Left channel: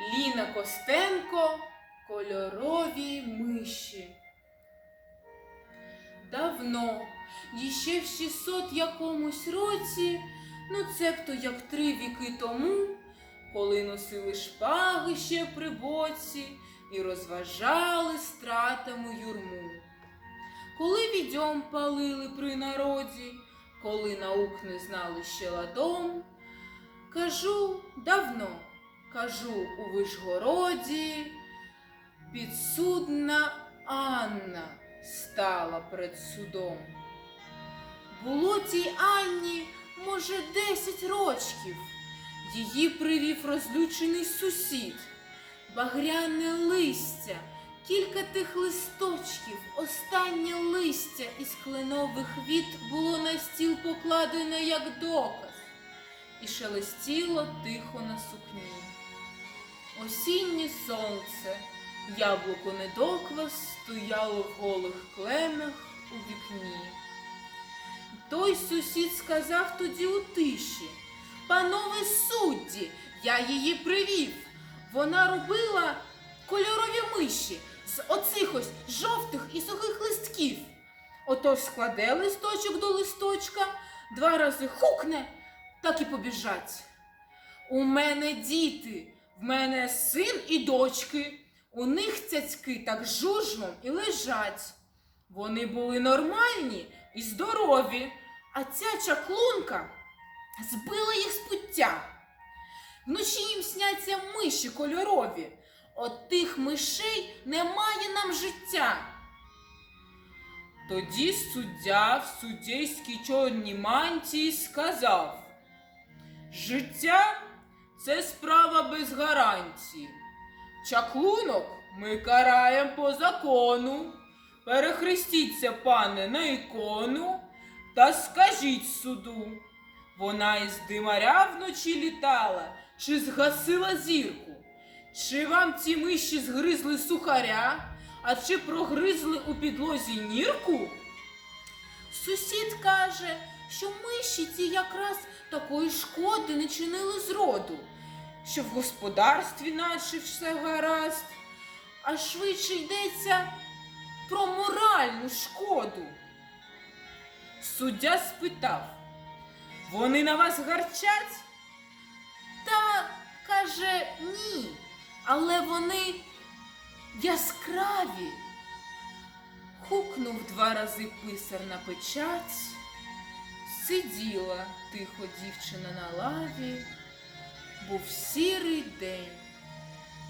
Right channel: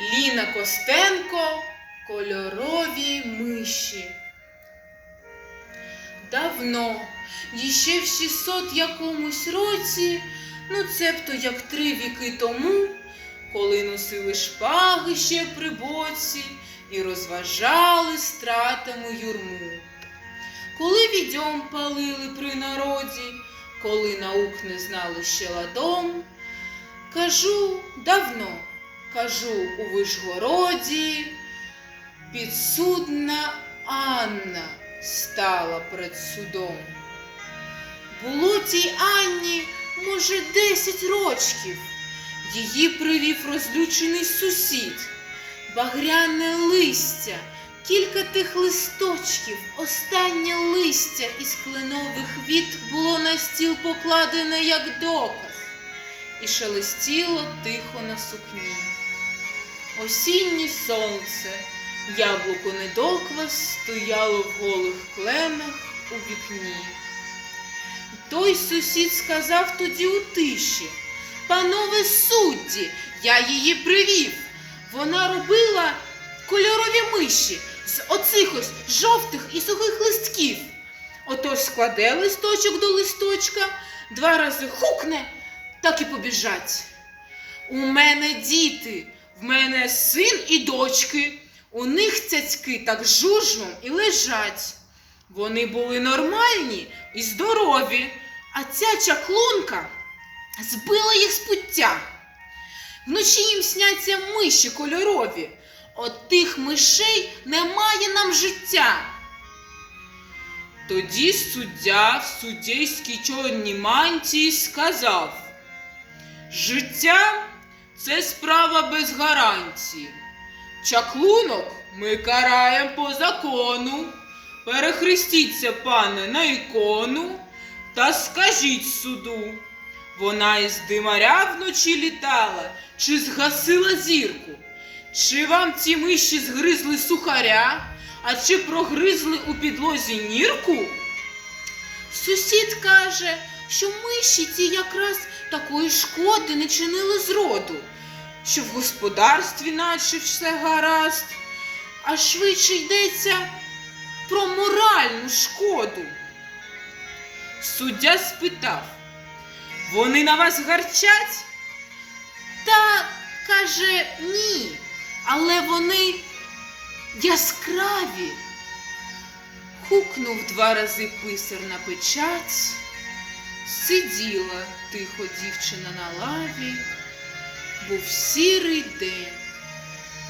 Ліна Костенко Кольорові миші. Давно, іще в 600 якомусь році, ну цебто як три віки тому, коли носили шпаги ще при боці і розважали стратами юрму. Коли відьом палили при народі, коли наук не знали ще ладом, кажу давно, кажу у Вишгороді, підсудна Анна стала перед судом. Було тій Анні, може, десять рочків. Її привів розлючений сусід, багряне листя, кілька тих листочків, останнє листя із кленових віт було на стіл покладене як доказ, і шелестіло тихо на сукні. Осіннє сонце, яблуко недоквас стояло в голих кленах у вікні. Той сусід сказав тоді у тиші, панове судді, я її привів. Вона робила кольорові миші з оцих ось жовтих і сухих листків. Отож складе листочок до листочка, два рази хукне, так і побіжать. У мене діти, в мене син і дочки. У них цяцьки так жужмом і лежать. Вони були нормальні і здорові, а ця чаклунка збила їх з пуття. Вночі їм сняться миші кольорові. От тих мишей немає нам життя. Тоді суддя в суддейській чорній мантії сказав: Життя це справа без гарантії. Чаклунок ми караємо по закону. Перехрестіться, пане, на ікону та скажіть суду. Вона із димаря вночі літала, чи згасила зірку? Чи вам ці миші згризли сухаря, а чи прогризли у підлозі нірку? Сусід каже, що миші ці якраз такої шкоди не чинили зроду, що в господарстві наче все гаразд, а швидше йдеться про моральну шкоду. Суддя спитав, вони на вас гарчать? Та каже ні, але вони яскраві. Хукнув два рази писар на печать, сиділа тихо дівчина на лаві, був сірий день,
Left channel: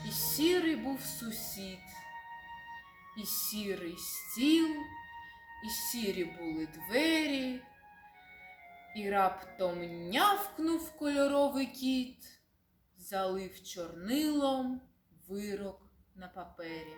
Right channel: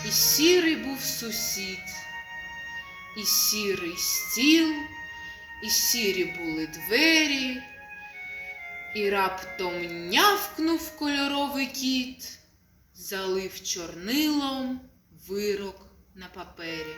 і сірий був сусід, і сірий стіл, і сірі були двері, і раптом нявкнув кольоровий кіт, залив чорнилом вирок на папері.